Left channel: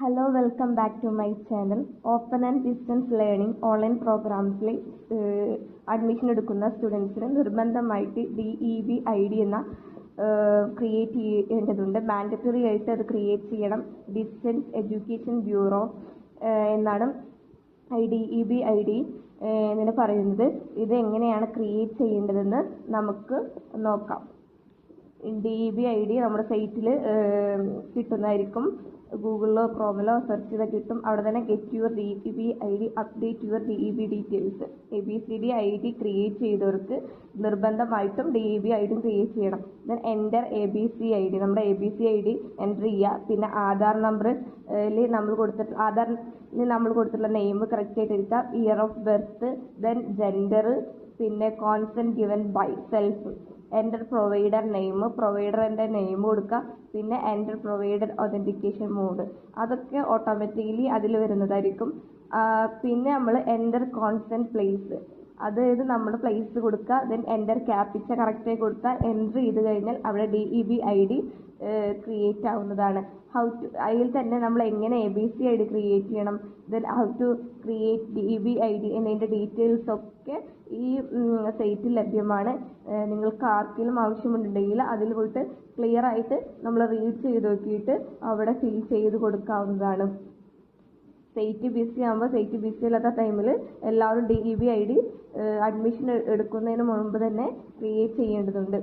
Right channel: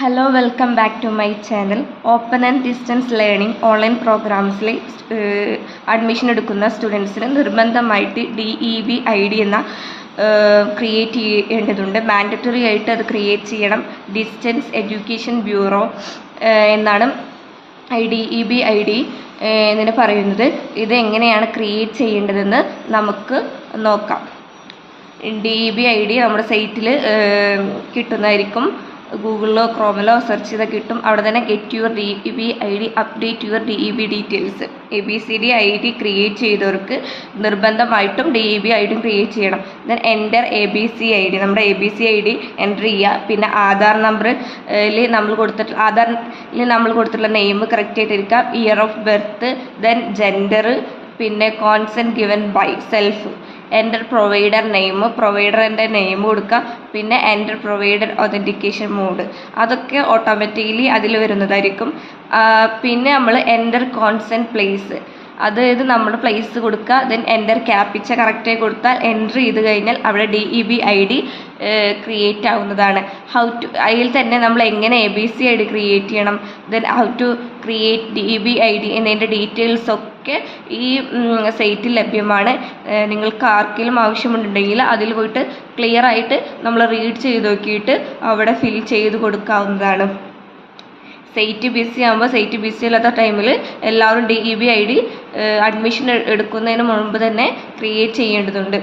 Hello welcome back to my channel. Open and distance learning online പ്രോഗ്രാംസിൽ admission എടുക്കുന്ന സ്റ്റുഡൻസിന് നിർബന്ധമായിട്ട് DEB-ID എന്ന ക്രിയേറ്റ് ചെയ്യേണ്ടതുണ്ട്. മാൻഡറ്ററി ആയിട്ട് അത് ക്രിയേറ്റ് ചെയ്യണം. ഡിസ്റ്റൻസ് എഡ്യൂക്കേഷൻ ബ്യൂറോ എന്നാണ് DEB-ID എന്നിന് പറയുന്നത്. ഇത് എങ്ങനെയാണ് ക്രിയേറ്റ് ചെയ്യേണ്ടതെന്ന് നമുക്ക് നോക്കാം. DEB-ID നമ്മുടെ സൈറ്റിൽ കിട്ടുന്നതായിരിക്കും. ഗൂഗിളിലോ ക്രോമിലോ സെർച്ച് ചെയ്താൽ കിട്ടും. അവിടെ തന്നെ get your DEB-ID, update your DEB details. ABCD-ID create ചെയ്തവർക്ക് നിർബന്ധമായിട്ടും DEB-ID ക്രിയേറ്റ് ചെയ്യണം. ദെൻ എൻ്റർ ABCD, നമ്മുടെ ABCD എൻ്റർ ചെയ്യുക. പിന്നെ ആധാർ നമ്പറിൽ നമ്മൾ കൊടുത്തിട്ടുള്ള നെയിം കറക്റ്റ് ആയിട്ടിരിക്കുക. Year of birth, then gender, പിന്നെ consent given by self. Enter provider name, പ്രൊവൈഡറിൻ്റെ നെയിം കൊടുക്കുക. പിന്നെ എൻ്റർ പ്രൊവൈഡർ ഒതൻറ്റിക്കേഷൻ മോഡ്, അതൊക്കെ ഓട്ടോമാറ്റിക്കലി അതിൽ വരുന്നതായിരിക്കും. പിന്നെ നമ്മൾ എൻ്റർ കോൺസെൻറ്റ് പ്ലേസ്, അതായത് നമ്മൾ പ്ലേസ് കൊടുക്കുക. ദെൻ എൻ്റർ ക്യാപിച്ച കറക്റ്റായി കൊടുത്താൽ എൻ്റർ ചെയ്ത് കഴിഞ്ഞാൽ അവിടെ DEB-ID ക്രിയേറ്റ് ആവുന്നതാണ്. അതിൽ തന്നെ നമ്മൾ എങ്ങനെ ABCD ക്രിയേറ്റ് ചെയ്യണം, then how to create DEB-ID എന്നതിൻ്റെ ഡീറ്റെയിൽസൊക്കെ ഈ സൈറ്റിൽ ലഭ്യമാണ്. നിങ്ങൾക്ക് ആർക്കെങ്കിലും ആവശ്യമുണ്ടെങ്കിൽ അതിൽ പോയിട്ട് ക്ലിയർ ആയിട്ട് നമ്മൾ റീഡ് ചെയ്ത് നോക്കിയിട്ട് അവിടെ ഫിൽ ചെയ്ത് കൊടുക്കാവുന്നതാണ്. സൈറ്റ് ബിസി ആകുമ്പോൾ സൈറ്റ് ബിസി അല്ലാത്ത ടൈമിൽ എല്ലാവരും DEB-ID അഡ്മിഷൻ എടുക്കുന്നതിന് മുൻപ് തന്നെ ക്രിയേറ്റ് ചെയ്യേണ്ടതുണ്ട്.